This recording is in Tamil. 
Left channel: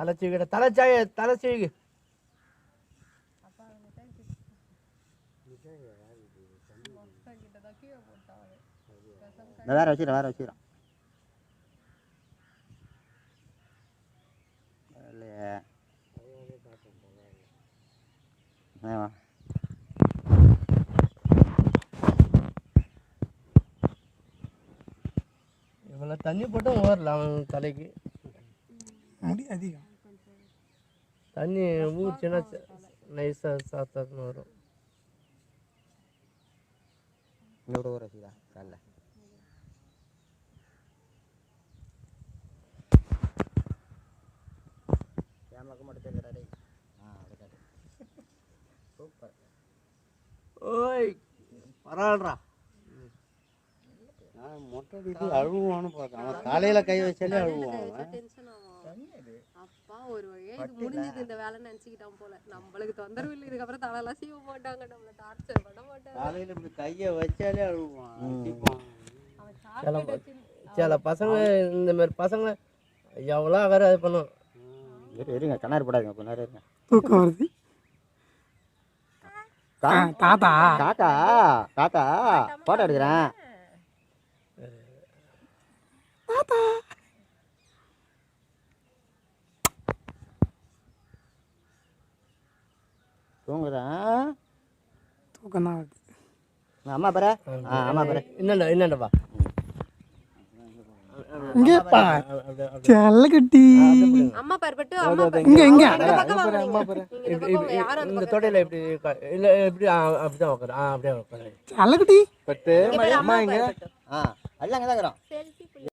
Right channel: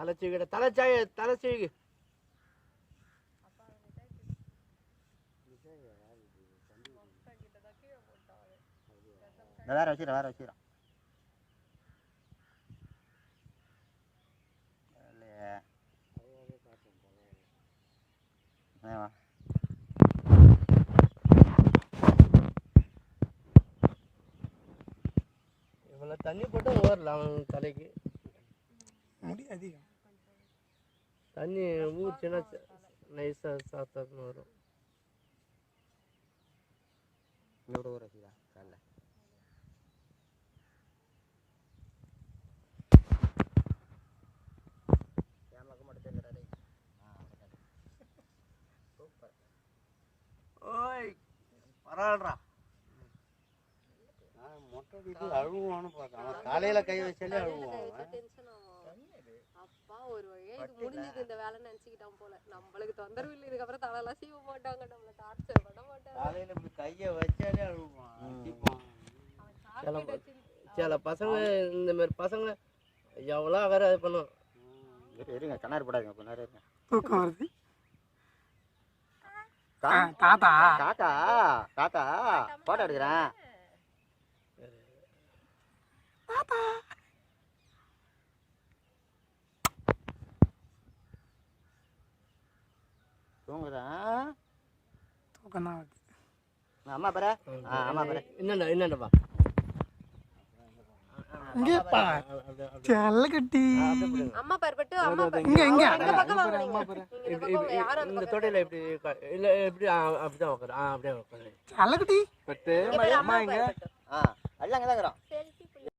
தலை சீவிட தலை சீவி வேற வச்சுக்கிறோம் இவ்வளோ தண்ணி போட்டு ஓரலாம் அவன் தலைக்கு முடி அதிகம் தண்ணி ஊற்றினா நைஸாக சாப்பிட்டான்னு வரும். இன்னொரு ஊற வச்சுக்கலாம் காலைல கேமராக்கு மட்டும் தெரிஞ்சாடே. சூப்பர். ஓய் பரவாயில்லடா. மொட்டை அடிச்சு அழுவான்னு பார்த்தேன். அவன் காலையில கை வச்சாலே அழுவான். அப்பா ஒரு வழியா இது முடிஞ்சது இந்த வேலை நினைச்சுக்கிட்டான் போல. நம்மளுக்கு தொந்தரவு இல்லை, இதுக்கப்புறம் தலையெல்லாம் சீவ மாட்டாங்க, நம்மள டார்ச்சர் பண்ண மாட்டாங்க. காலையில இப்படி கையை வச்சாலே அழுவான். சில பசங்க இந்த மாதிரி பசங்க எவ்வளோ அகர இது பண்ணும். இருங்க கண்ணாடி போடாதீங்க கொஞ்ச நேரம் இருங்க. தூக்கம் வருது. தாத்தா தாத்தா தாத்தா போட்டோ எடுக்கிறேன். தாத்தா தூங்குறேன். தூக்கம் தான் வருது. அம்மா பாரு. அம்மா பாரு. என்னண்டப்பா இங்கே பா செல்ல கட்டி அம்மா பர்பட்டு அம்மா இங்க இங்க இந்த பக்கம் வாங்க. நீங்க இந்த பக்கம் வாங்க. யாரும் அந்த இந்த பக்கம் தொடையில எப்படி இல்ல எப்படி அப்படிதான் உட்காரு. அப்படியே உட்காரு. செல்ல கட்டி பட்டு அம்மா இங்க எல்லாம் அங்கே தான் இருக்கிறோம். சரி